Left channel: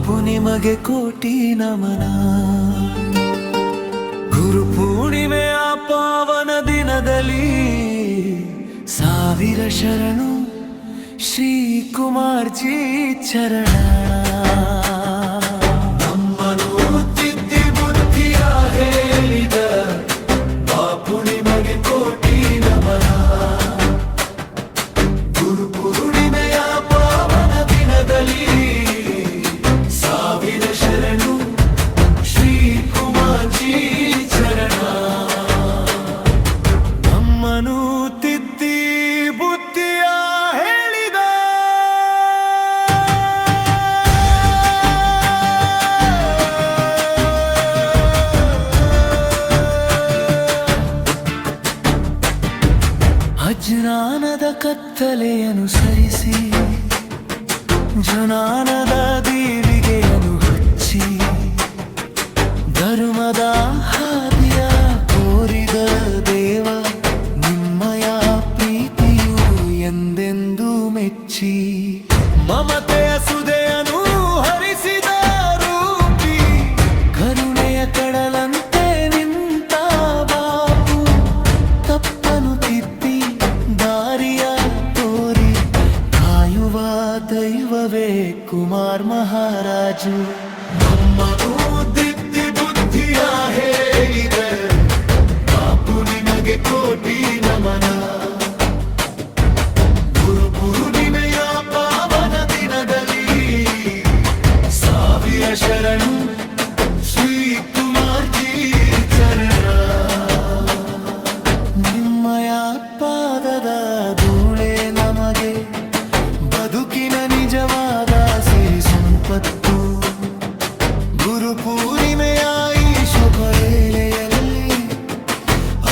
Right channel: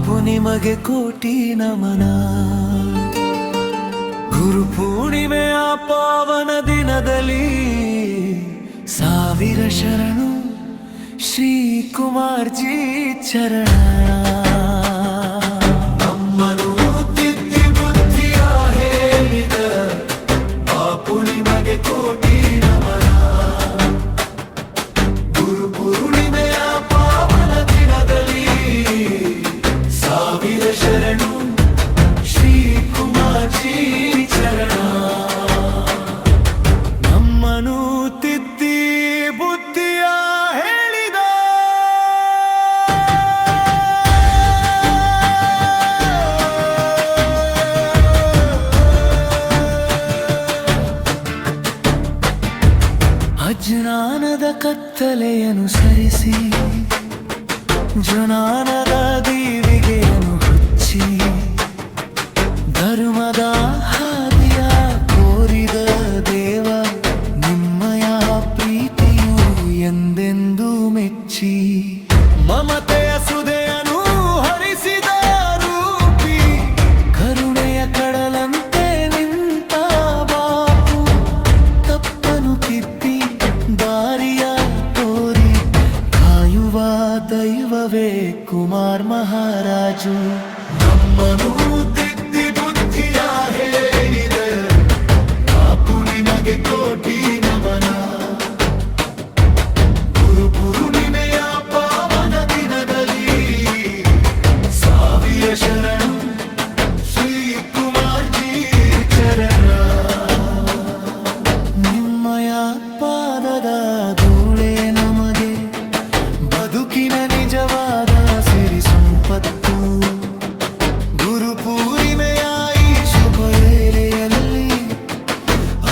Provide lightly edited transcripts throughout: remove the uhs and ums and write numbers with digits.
ಬಾಪು ನಿಮಗೆ ಕೋಟಿ ನಮನ. ಗುರು ಪೂರ್ಣಿಮೆಯ ಪಾವನ ದಿನದಲ್ಲಿ ಸಾವಿರ ಶರಣು ಶ್ರೀ ಕುಮಾರ್ ಜಿ ಚರಣ. ನಮ್ಮನು ತಿದ್ದಿ ಬುದ್ಧಿಯ ಹೇಳಿದ ಬಾಪು ನಿಮಗೆ ಕೋಟಿ ನಮನ. ಗುರು ಪೂರ್ಣಿಮೆಯ ಪಾವನ ದಿನದಲ್ಲಿ ಸಾವಿರ ಶರಣು ಶ್ರೀ ಕುಮಾರ್ ಜಿ ಚರಣ. ನಮ್ಮನು ತಿದ್ದಿ ಬುದ್ಧಿಯ ಹೇಳಿದ ಅಜ್ಞಾನದ ಕತ್ತಲೆಯನ್ನು ಸರಿಸಿ ಜ್ಞಾನದ ದೀವಿಗೆಯನ್ನು ಹಚ್ಚಿ ಧರ್ಮದ ಹಾದಿಯ ಕೋರಿದ ದೇವ ನಿಮ್ಮಯ ಪ್ರೀತಿಯು ಎಂದೆಂದೂ ಮೆಚ್ಚಿ. ಮಮತೆಯ ಸುದೆಯನ್ನು ಹರಿಸಿದ ರೂಪಿ ಕರುಣೆಯ ಕಡಲಂತೆ ನಿಂತ ಬಾಪು ತಪ್ಪನು ತಿದ್ದಿ ದಾರಿಯ ತೋರಿ ಕಾಯುವ ದೈವವೇ ಕುಮಾರ್ ಮಹಾರಾಜು. ನಮ್ಮನು ತಿದ್ದಿ ಬುದ್ಧಿಯ ಹೇಳಿದ ಬಾಪು ನಿಮಗೆ ಕೋಟಿ ನಮನ. ಗುರು ಪೂರ್ಣಿಮೆಯ ಪಾವನ ದಿನದಲ್ಲಿ ಸಾವಿರ ಶರಣು ಶ್ರೀ ಕುಮಾರ್ ಜಿ ಚರಣ. ನಿಮ್ಮಯ ಪಾದದ ಧೂಳೆ ನಮಗೆ ಬದುಕಿನ ನಿಜವಾದ ಸಿರಿ ಸಂಪತ್ತು. ಗುರು ಪೂರ್ಣಿಮೆಯ ಈ ಶುಭ ವೇಳೆಯಲ್ಲಿ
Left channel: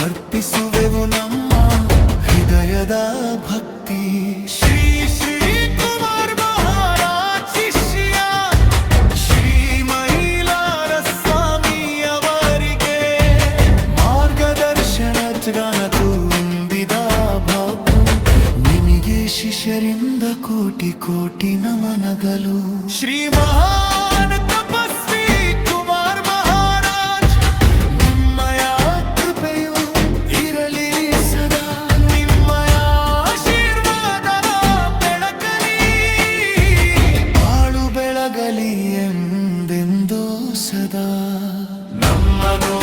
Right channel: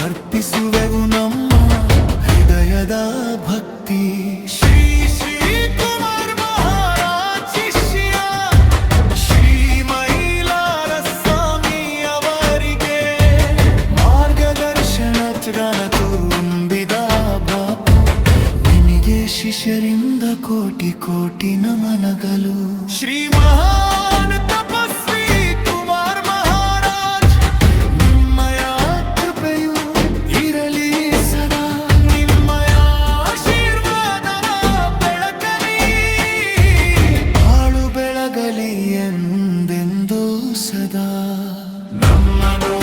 ಅರ್ಪಿಸುವೆವು ನಮ್ಮ ಹೃದಯದ ಭಕ್ತಿ. ಶ್ರೀ ಶ್ರೀ ಕುಮಾರ್ ಮಹಾರಾಜ್ ಶಿಷ್ಯ ಶ್ರೀ ಮೈಲಾರ ಸ್ವಾಮಿ ಅವರಿಗೆ ಮಾರ್ಗದರ್ಶನ ಗಾನ ತುಂಬಿದ ಬಾಪು ನಿಮಗೆ ಶಿಷ್ಯರಿಂದ ಕೋಟಿ ಕೋಟಿ ನಮನಗಳು. ಶ್ರೀ ಮಹಾನ್ ತಪಸ್ವಿ ಕುಮಾರ್ ಮಹಾರಾಜ್ ನಿಮ್ಮಯ ಕೃಪೆಯು ಇರಲಿ ಸದಾ. ನಿಮ್ಮಯ ಆಶೀರ್ವಾದ ಬೆಳಕಲಿ ಬಾಳು ಬೆಳಗಲಿ ಎಂದೆಂದೂ ಸದಾ. ನಮ್ಮನು